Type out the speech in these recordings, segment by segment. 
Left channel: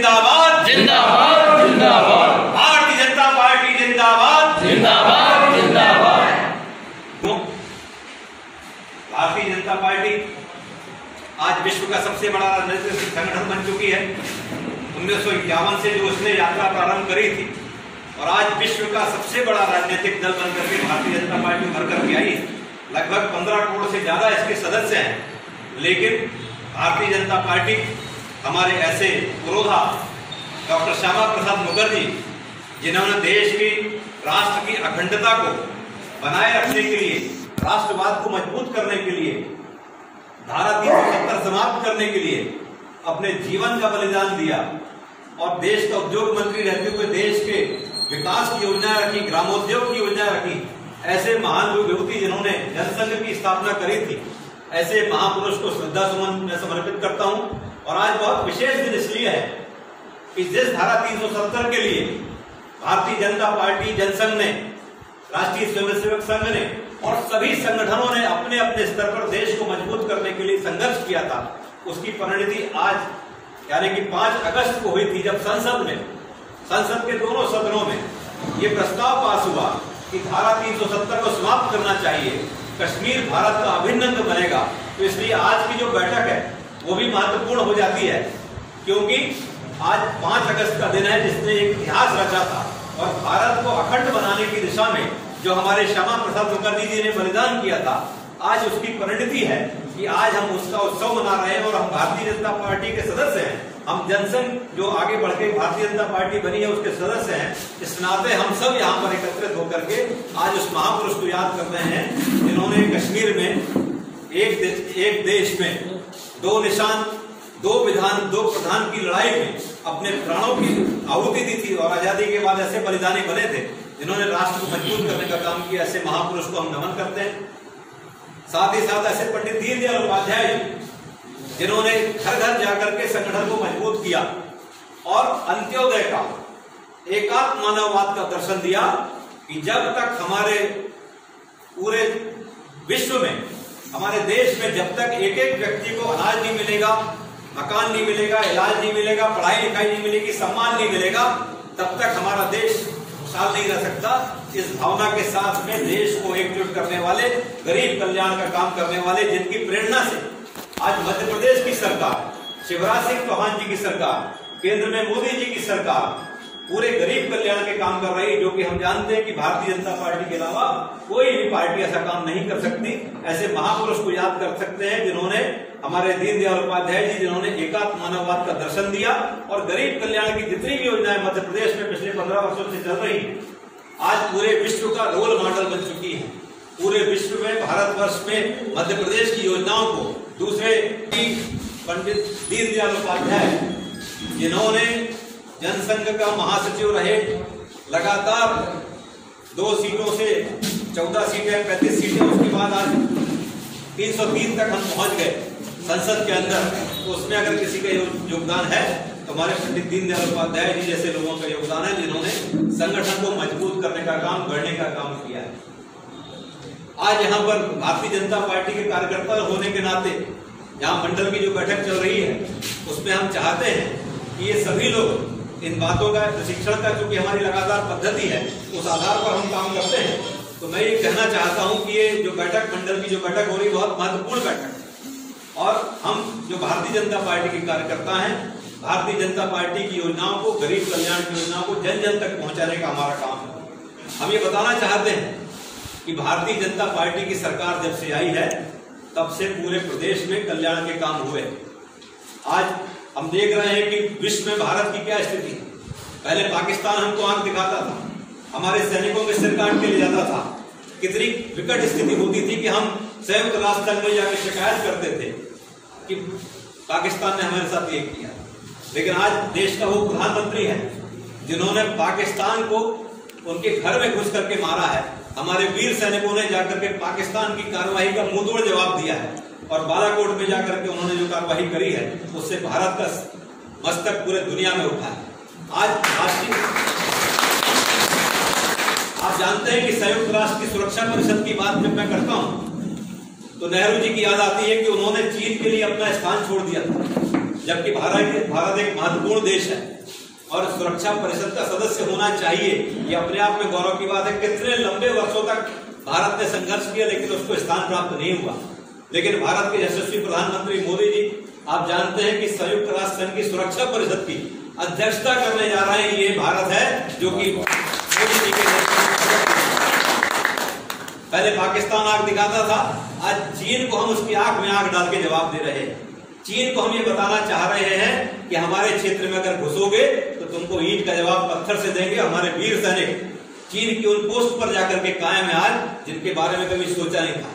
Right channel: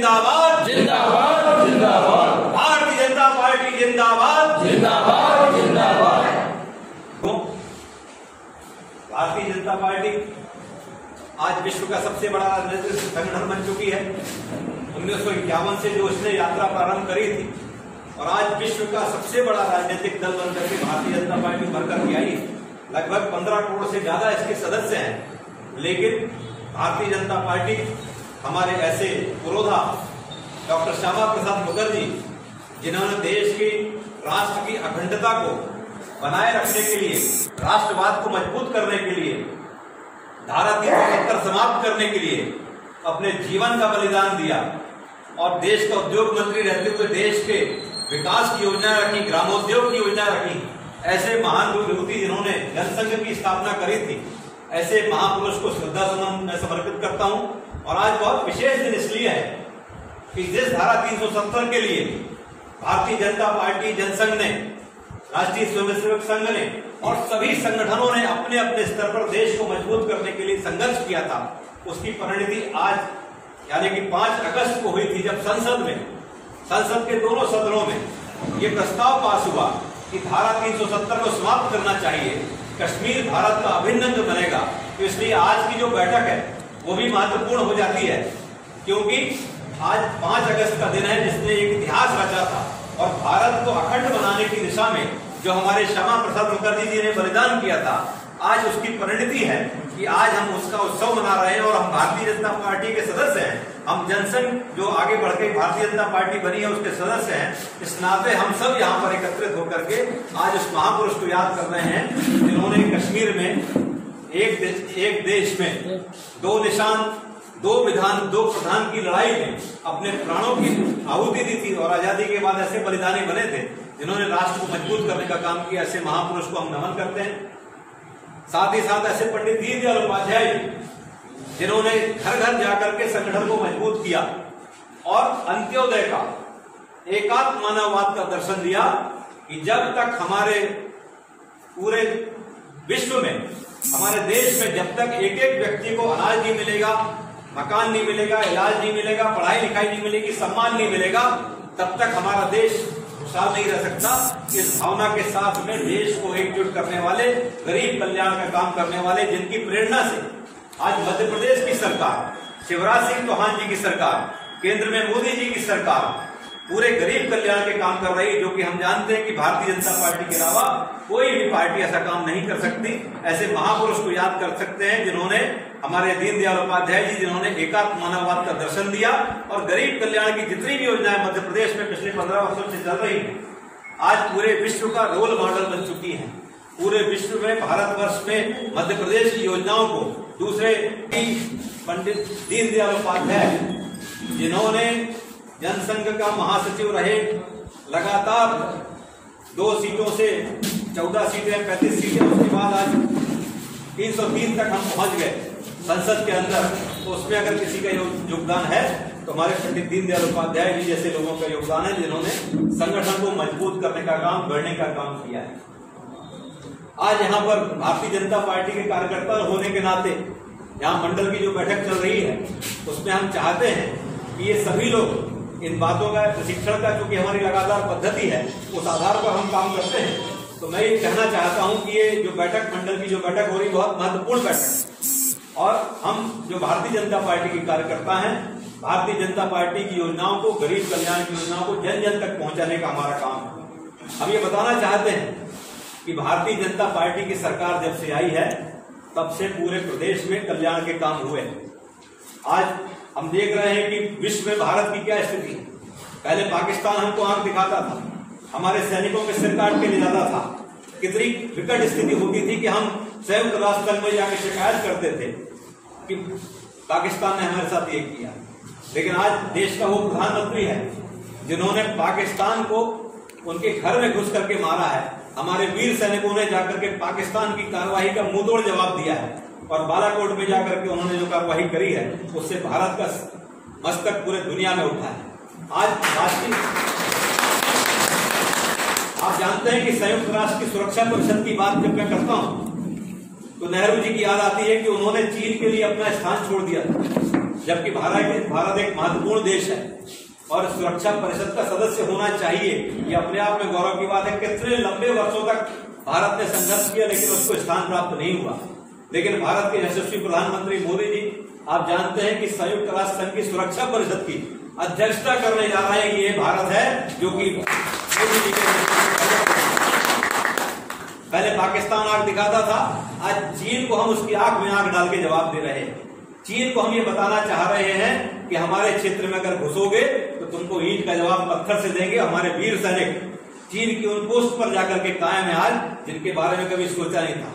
जिंदाबाद जिंदाबाद जिंदाबाद, भारतीय जनता पार्टी जिंदाबाद जिंदाबाद जिंदाबाद। भारतीय जनता पार्टी आज विश्व का सबसे बड़ा राजनीतिक संगठन बन चुकी है। 1951 से जो उसने यात्रा प्रारंभ करी थी और आज विश्व का सबसे बड़ा राजनीतिक दल बनकर के भारतीय जनता पार्टी उभर करके आई। लगभग 15 करोड़ से ज्यादा इसके सदस्य हैं। लेकिन भारतीय जनता पार्टी हमारे ऐसे पुरोधा डॉक्टर श्यामा प्रसाद मुखर्जी, जिन्होंने देश की राष्ट्र की अखंडता को बनाए रखने के लिए, राष्ट्रवाद को मजबूत करने के लिए, धारा 370 समाप्त करने के लिए अपने जीवन का बलिदान दिया और देश का उद्योग मंत्री रहते हुए देश के विकास की योजना रखी, ग्रामोद्योग की योजना रखी। ऐसे महान व्यक्ति जिन्होंने जनसंघ की स्थापना करी थी, ऐसे महापुरुष को श्रद्धा सुमन मैं समर्पित करता हूं। और आज बहुत विशेष दिन इसलिए है कि जिस धारा 370 के लिए भारतीय जनता पार्टी, जनसंघ ने, राष्ट्रीय स्वयंसेवक संघ ने और सभी संगठनों ने अपने अपने स्तर पर देश को मजबूत करने के लिए संघर्ष किया था, उसकी परिणति आज यानी कि 5 अगस्त को हुई थी, जब संसद के दोनों सदनों में ये प्रस्ताव पास हुआ कि धारा 370 को समाप्त करना चाहिए, कश्मीर भारत का अभिन्न अंग बनेगा। तो इसलिए आज की जो बैठक है वो भी महत्वपूर्ण हो जाती है, क्योंकि आज 5 अगस्त का दिन है जिसने एक इतिहास रचा था और भारत को अखंड बनाने की दिशा में जो हमारे श्यामा प्रसाद मुखर्जी जी ने बलिदान किया था, आज उसकी परिणति है कि आज हम उसका उत्सव मना रहे हैं और हम भारतीय जनता पार्टी के सदस्य हैं। हम जनसंघ जो आगे बढ़ के भारतीय जनता पार्टी बनी है उसके सदस्य हैं। इस नाते हम सब यहाँ पर एकत्रित होकर के आज उस महापुरुष को याद कर रहे हैं जिन्होंने कश्मीर में एक देश में 2 निशान, 2 विधान, 2 प्रधान की लड़ाई में अपने प्राणों की आहुति दी थी और आजादी के बाद ऐसे बलिदानी बने थे जिन्होंने राष्ट्र को मजबूत करने का काम किया। ऐसे महापुरुष को हम नमन करते हैं। साथ ही साथ ऐसे पंडित दीनदयाल उपाध्याय जिन्होंने घर घर जाकर के संगठन को मजबूत किया और अंत्योदय का, एकात्म मानववाद का दर्शन दिया कि जब तक हमारे पूरे विश्व में, हमारे देश में जब तक एक एक व्यक्ति को अनाज नहीं मिलेगा, मकान नहीं मिलेगा, इलाज नहीं मिलेगा, पढ़ाई लिखाई नहीं मिलेगी, सम्मान नहीं मिलेगा, तब तक हमारा देश खुशहाल नहीं रह सकता। इस भावना के साथ में देश को एकजुट करने वाले, गरीब कल्याण का काम करने वाले, जिनकी प्रेरणा से आज मध्य प्रदेश की सरकार, शिवराज सिंह चौहान जी की सरकार, केंद्र में मोदी जी की सरकार पूरे गरीब कल्याण के काम कर रही है, जो कि हम जानते हैं कि भारतीय जनता पार्टी के अलावा कोई भी पार्टी ऐसा काम नहीं कर सकती। ऐसे महापुरुष को याद कर सकते हैं जिन्होंने, हमारे दीनदयाल उपाध्याय जी, जिन्होंने एकात्म मानववाद का दर्शन दिया और गरीब कल्याण की जितनी भी योजनाएं मध्य प्रदेश में पिछले 15 वर्षों से चल रही है, आज पूरे विश्व का रोल मॉडल बन चुकी है। पूरे विश्व में, भारतवर्ष में मध्य प्रदेश की योजनाओं को दूसरे पंडित दीनदयाल उपाध्याय, जिन्होंने जनसंघ का महासचिव रहे, लगातार 2 सीटों से 14 सीटें, 35 सीटें, उसके बाद आज 303 तक हम पहुंच गए संसद के अंदर। तो उसमें अगर किसी का योगदान है तो हमारे पंडित दीनदयाल उपाध्याय जी जैसे लोगों का योगदान है, जिन्होंने संगठन को मजबूत करने का काम, गढ़ने का काम किया है। आज यहाँ पर भारतीय जनता पार्टी के कार्यकर्ता होने के नाते यहाँ मंडल की जो बैठक चल रही है उसमें हम चाहते हैं कि ये सभी लोग इन बातों का प्रशिक्षण का, क्योंकि हमारी लगातार पद्धति है, उस आधार पर हम काम करते हैं। तो मैं ये कहना चाहता हूं कि ये जो बैठक, मंडल की जो बैठक हो रही, बहुत महत्वपूर्ण बैठक है और हम जो भारतीय जनता पार्टी के कार्यकर्ता हैं, भारतीय जनता पार्टी की योजनाओं को, गरीब कल्याण की योजनाओं को जन जन तक पहुंचाने का हमारा काम है। हम ये बताना चाहते हैं कि भारतीय जनता पार्टी की सरकार जब से आई है तब से पूरे प्रदेश में कल्याण के काम हुए। आज हम देख रहे हैं कि विश्व में भारत की क्या स्थिति है। पहले पाकिस्तान हमको आंख दिखाता था, हमारे सैनिकों के सिर काट के ले जाता था, कितनी विकट स्थिति होती थी कि हम संयुक्त राष्ट्र संघ में जाकर शिकायत करते थे कि पाकिस्तान ने हमारे साथ ये किया। लेकिन आज देश का वो प्रधानमंत्री है जिन्होंने पाकिस्तान को उनके घर में घुस करके मारा है। हमारे वीर सैनिकों ने जाकर के पाकिस्तान की कार्रवाई का मुंहतोड़ जवाब दिया है और बालाकोट में जाकर के उन्होंने जो कार्रवाई करी है उससे भारत का मस्तक पूरे दुनिया में उठा है। आज राष्ट्रीय, आप जानते हैं कि संयुक्त राष्ट्र की सुरक्षा परिषद की बात जब मैं करता हूं तो नेहरू जी की याद आती है कि उन्होंने चीन के लिए अपना स्थान छोड़ दिया था। जबकि भारत एक महत्वपूर्ण देश है और सुरक्षा परिषद का सदस्य होना चाहिए, ये अपने आप में गौरव की बात है। कितने लंबे वर्षों तक भारत ने संघर्ष किया लेकिन उसको स्थान प्राप्त नहीं हुआ। लेकिन भारत के यशस्वी प्रधानमंत्री मोदी जी, आप जानते हैं कि संयुक्त राष्ट्र संघ की सुरक्षा परिषद की अध्यक्षता करने जा रहा है। ये भारत है जो कि मोदी जी के पहले पाकिस्तान आंख दिखाता था, आज चीन को हम उसकी आंख में आंख डाल के जवाब दे रहे हैं। चीन को हम ये बताना चाह रहे हैं कि हमारे क्षेत्र में अगर घुसोगे तो तुमको ईंट का जवाब पत्थर से देंगे। हमारे वीर सैनिक चीन की उन पोस्ट पर जाकर के कायम है आज, जिनके बारे में कभी सोचा नहीं था।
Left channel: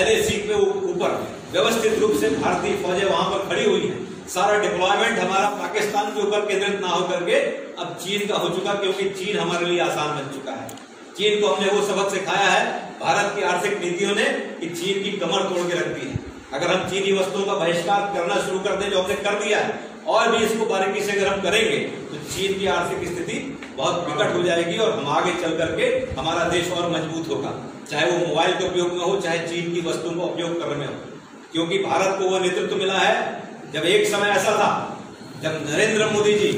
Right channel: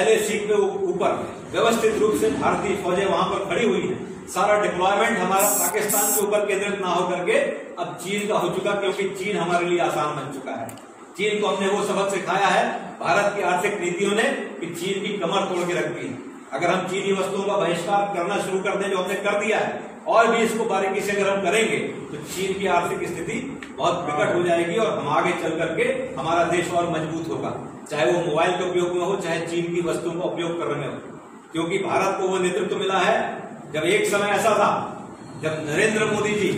LAC के ऊपर व्यवस्थित रूप से भारतीय फौजें वहां पर खड़ी हुई है। सारा डिप्लॉयमेंट हमारा पाकिस्तान के ऊपर केंद्रित ना होकर के अब चीन का हो चुका, क्योंकि चीन हमारे लिए आसान बन चुका है। चीन को हमने वो सबक सिखाया है भारत की आर्थिक नीतियों ने कि चीन की कमर तोड़ के रख दी है। अगर हम चीनी वस्तुओं का बहिष्कार करना शुरू कर दें, जो हमने कर दिया है, और भी इसको बारीकी से अगर हम करेंगे तो चीन की आर्थिक स्थिति बहुत विकट हो जाएगी और हम आगे चल करके हमारा देश और मजबूत होगा, चाहे वो मोबाइल के उपयोग में हो, चाहे चीन की वस्तुओं का उपयोग करने में हो। क्योंकि भारत को वो नेतृत्व मिला है। जब एक समय ऐसा था जब नरेंद्र मोदी जी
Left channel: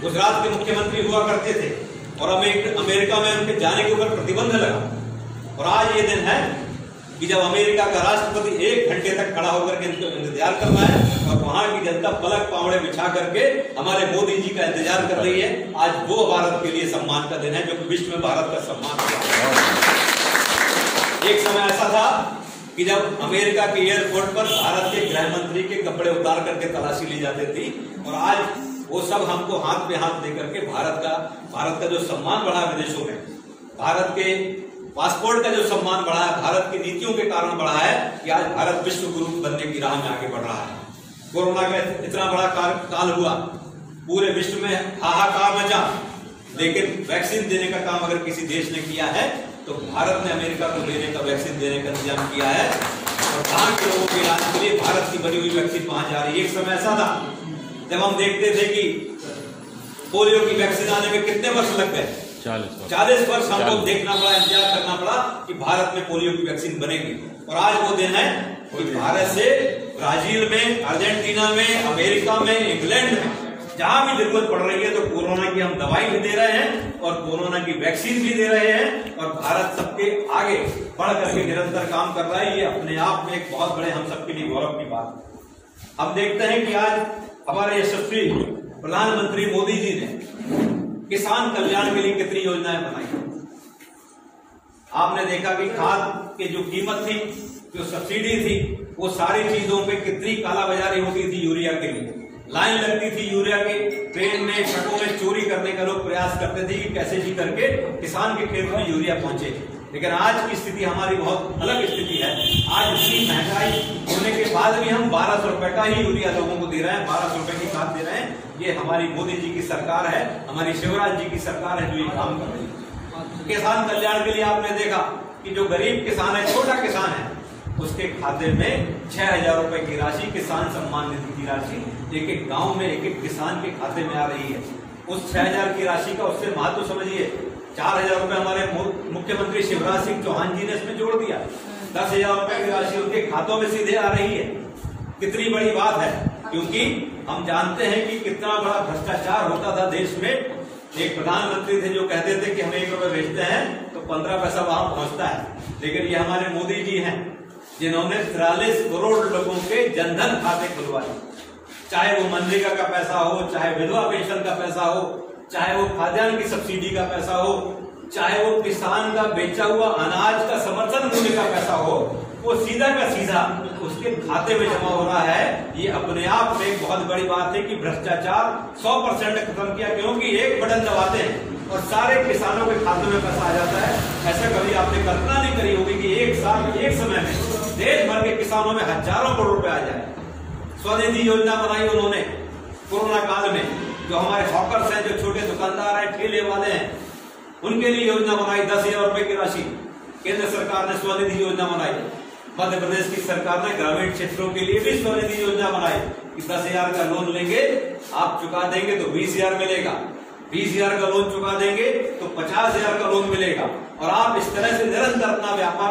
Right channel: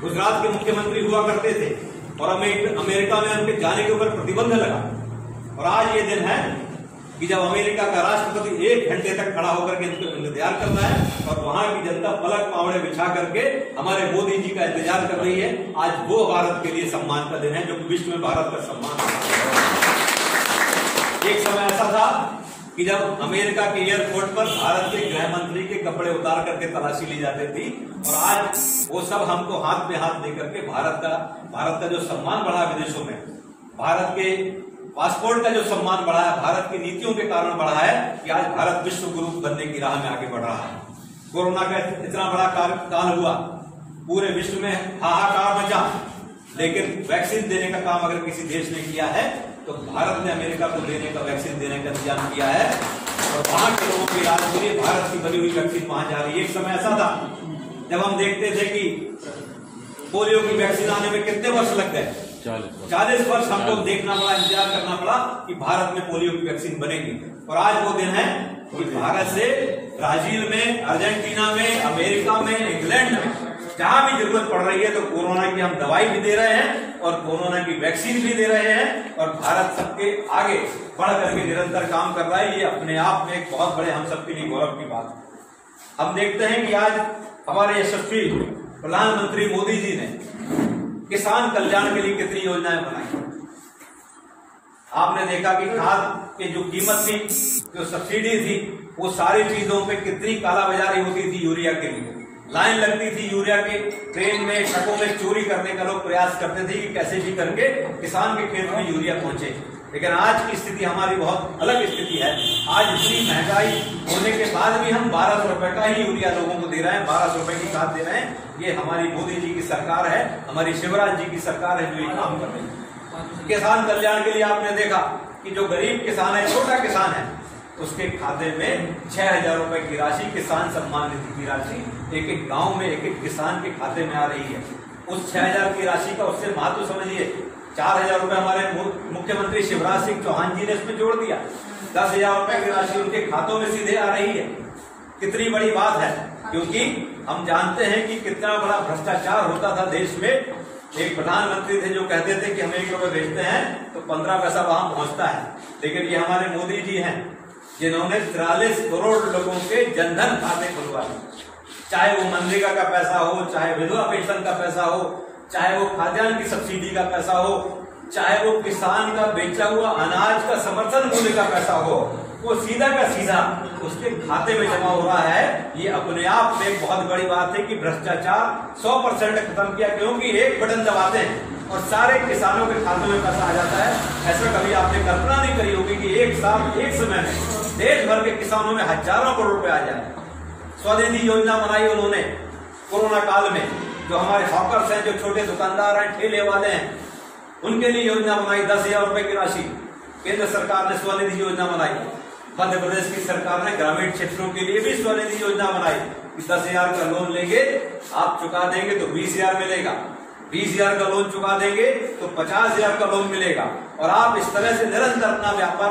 गुजरात के मुख्यमंत्री हुआ करते थे और अमेरिका में उनके जाने के ऊपर प्रतिबंध लगा, और आज ये दिन है कि जब अमेरिका का राष्ट्रपति 1 घंटे तक खड़ा होकर के इनका इंतजार कर रहा है और वहां की जनता पलक पावड़े बिछा करके हमारे मोदी जी का इंतजार कर रही है। आज वो भारत के लिए सम्मान का दिन है जो विश्व में भारत का सम्मान है। एक समय ऐसा था कि जब अमेरिका के एयरपोर्ट पर भारत के गृह मंत्री के कपड़े उतार करके तलाशी ली जाती थी, और आज वो सब हमको हाथ पे हाथ लेकर के भारत का जो सम्मान बढ़ा विदेशों में, भारत के पासपोर्ट का जो सम्मान बढ़ा है, भारत की नीतियों के कारण बढ़ा है कि आज भारत विश्व गुरु बनने की राह में आगे बढ़ रहा है। कोरोना का इतना बड़ा काल हुआ, पूरे विश्व में हाहाकार मचा, लेकिन वैक्सीन देने का काम अगर किसी देश ने किया है तो भारत ने अमेरिका को देने का वैक्सीन देने का इंतजाम किया है, और वहां के लोगों के इलाज के लिए भारत की बनी हुई वैक्सीन वहां जा रही है। एक समय ऐसा था जब हम देखते थे कि पोलियो की वैक्सीन आने में कितने वर्ष लग गए, 40 वर्ष हमको देखना पड़ा, इंतजार करना पड़ा कि भारत में पोलियो की वैक्सीन बनेगी। और आज वो दिन है कि भारत से ब्राजील में, अर्जेंटीना में, अमेरिका में, इंग्लैंड में जहां भी जरूरत पड़ रही है तो कोरोना की हम दवाई भी दे रहे हैं और कोरोना की वैक्सीन भी दे रहे हैं, और भारत सबके आगे बढ़ करके निरंतर काम कर रहा है। ये अपने आप में एक बहुत बड़े हम सबके लिए गौरव की बात है। हम देखते हैं कि आज हमारे यशस्वी प्रधानमंत्री मोदी जी ने किसान कल्याण के लिए कितनी योजनाएं बनाई। आपने देखा कि खाद की जो कीमत थी, जो सब्सिडी थी, वो सारी चीजों पे कितनी कालाबाजारी होती थी। यूरिया के लिए लाइन लगती थी, यूरिया के ट्रेन में, ट्रकों में चोरी करने का लोग प्रयास करते थे कि कैसे भी करके किसान के खेत में यूरिया पहुंचे। लेकिन आज की स्थिति हमारी बहुत अलग स्थिति है। आज इतनी महंगाई होने के बाद भी हम 1200 रुपए का ही यूरिया लोगों को दे रहे हैं, 1200 रुपए की खाद दे रहे हैं। ये हमारी मोदी जी की सरकार है, हमारी शिवराज जी की सरकार है जो ये काम कर रही है। किसान कल्याण के लिए आपने देखा कि जो गरीब किसान है, छोटा किसान है, उसके खाते में 6000 रुपए की राशि, किसान सम्मान निधि की राशि एक एक गांव में एक एक किसान के खाते में आ रही है। उस 6000 की राशि का उससे महत्व समझिए। 4000 रुपए हमारे मुख्यमंत्री शिवराज सिंह चौहान जी ने इसमें जोड़ दिया। 10,000 रुपए की राशि उनके खातों में सीधे आ रही है। कितनी बड़ी बात है, क्योंकि हम जानते हैं कि कितना बड़ा भ्रष्टाचार होता था देश में। एक प्रधानमंत्री थे जो कहते थे कि हम 1 रुपए भेजते हैं तो 15 पैसा वहां पहुंचता है। लेकिन ये हमारे मोदी जी हैं जिन्होंने 43 करोड़ लोगों के जनधन खाते खुलवाए। चाहे वो मनरेगा का पैसा हो, चाहे विधवा पेंशन का पैसा हो, चाहे वो खाद्यान्न की सब्सिडी का पैसा हो, चाहे वो किसान का बेचा हुआ अनाज का समर्थन मूल्य का पैसा हो, वो सीधा का सीधा उसके खाते में जमा हो रहा है। ये अपने आप में एक बहुत बड़ी बात है कि भ्रष्टाचार 100% खत्म किया, क्योंकि एक बटन दबाते हैं और सारे किसानों के खातों में पैसा आ जाता है। ऐसा कभी आपने कल्पना नहीं करी होगी कि एक साथ एक समय में देश भर के किसानों में हजारों करोड़ रुपए आ जाए। स्वनिधि योजना बनाई उन्होंने कोरोना काल में। जो हमारे हॉकर्स हैं, जो छोटे दुकानदार हैं, ठेले वाले हैं, उनके लिए योजना बनाई 10,000 रुपए की राशि। केंद्र सरकार ने स्वनिधि योजना बनाई। मध्य प्रदेश की सरकार ने ग्रामीण क्षेत्रों के लिए भी स्वनिधि योजना बनाई कि 10,000 का लोन लेंगे, आप चुका देंगे तो 20,000 मिलेगा, 20,000 का लोन चुका देंगे तो 50,000 का लोन मिलेगा। और आप इस तरह से निरंतर अपना व्यापार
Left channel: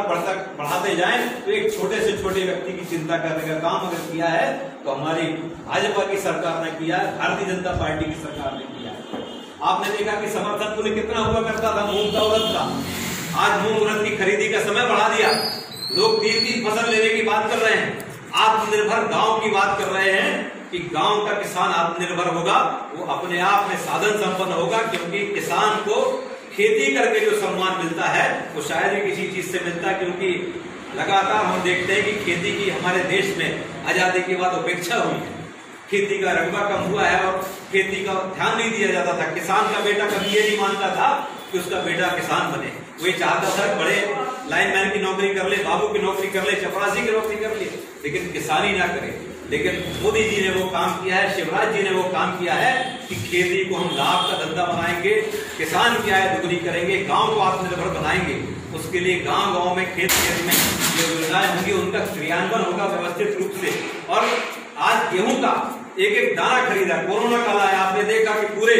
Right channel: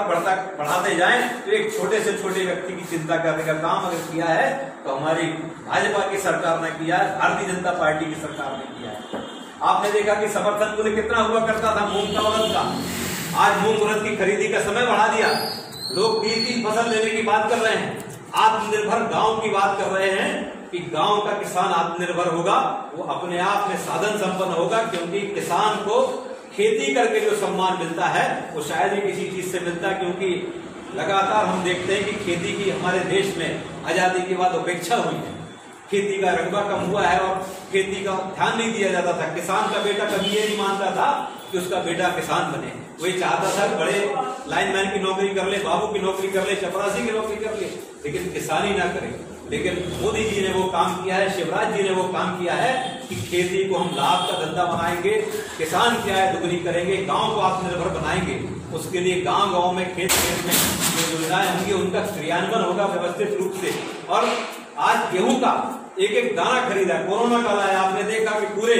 बढ़ाते जाएं तो एक छोटे से छोटे व्यक्ति की चिंता करने का काम अगर किया है तो हमारी भाजपा की सरकार ने किया है, भारतीय जनता पार्टी की सरकार ने किया है। आपने देखा कि समर्थन मूल्य कितना हुआ करता था मूंग का, उड़द का। आज मूंग उड़द की खरीदी का समय बढ़ा दिया। लोग 3-3 फसल लेने की बात कर रहे हैं। आत्मनिर्भर गांव की बात कर रहे हैं कि गांव का किसान आत्मनिर्भर होगा, वो अपने आप में साधन संपन्न होगा, क्योंकि किसान को खेती करके जो सम्मान मिलता है वो शायद ही किसी चीज से मिलता है। क्योंकि लगातार हम देखते हैं कि खेती की हमारे देश में आजादी के बाद उपेक्षा हुई है, खेती का रकबा कम हुआ है और खेती का ध्यान नहीं दिया जाता था। किसान का बेटा कभी ये नहीं मानता था कि उसका बेटा किसान बने, वो ये चाहता था बड़े लाइनमैन की नौकरी कर ले, बाबू की नौकरी कर ले, चपरासी की नौकरी कर ले, लेकिन किसानी ना करे। लेकिन मोदी जी ने वो काम किया है, शिवराज जी ने वो काम किया है कि खेती को हम लाभ का धंधा बनाएंगे, किसान क्या है दुगनी करेंगे, गांव को आत्मनिर्भर बनाएंगे। उसके लिए गांव गांव में खेत खेत में जो योजनाएं होंगी उनका क्रियान्वयन होगा व्यवस्थित रूप से। और आज गेहूं का एक एक दाना खरीदा, कोरोना काल आया, आपने देखा कि पूरे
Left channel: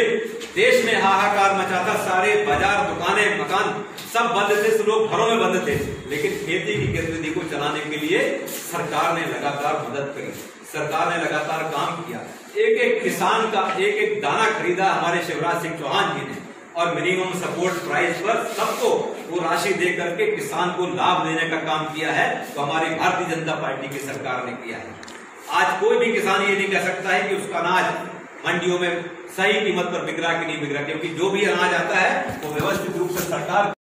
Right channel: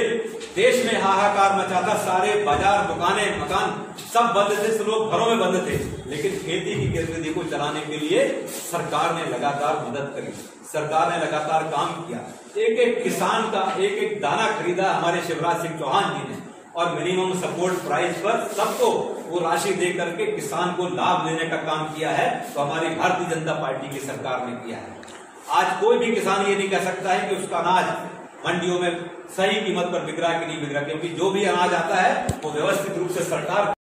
देश में हाहाकार मचा था, सारे बाजार दुकानें मकान सब बंद थे, लोग घरों में बंद थे, लेकिन खेती की गतिविधि को चलाने के लिए सरकार ने लगातार मदद करी, सरकार ने लगातार काम किया। एक एक किसान का एक एक दाना खरीदा हमारे शिवराज सिंह चौहान जी ने, और मिनिमम सपोर्ट प्राइस पर सबको वो राशि दे करके किसान को लाभ देने का काम किया है, तो हमारी भारतीय जनता पार्टी की सरकार ने किया है। आज कोई भी किसान ये नहीं कह सकता है कि उसका अनाज मंडियों में सही कीमत पर बिक रहा कि नहीं बिक रहा, क्योंकि जो भी अनाज आता है वो व्यवस्थित रूप से सरकार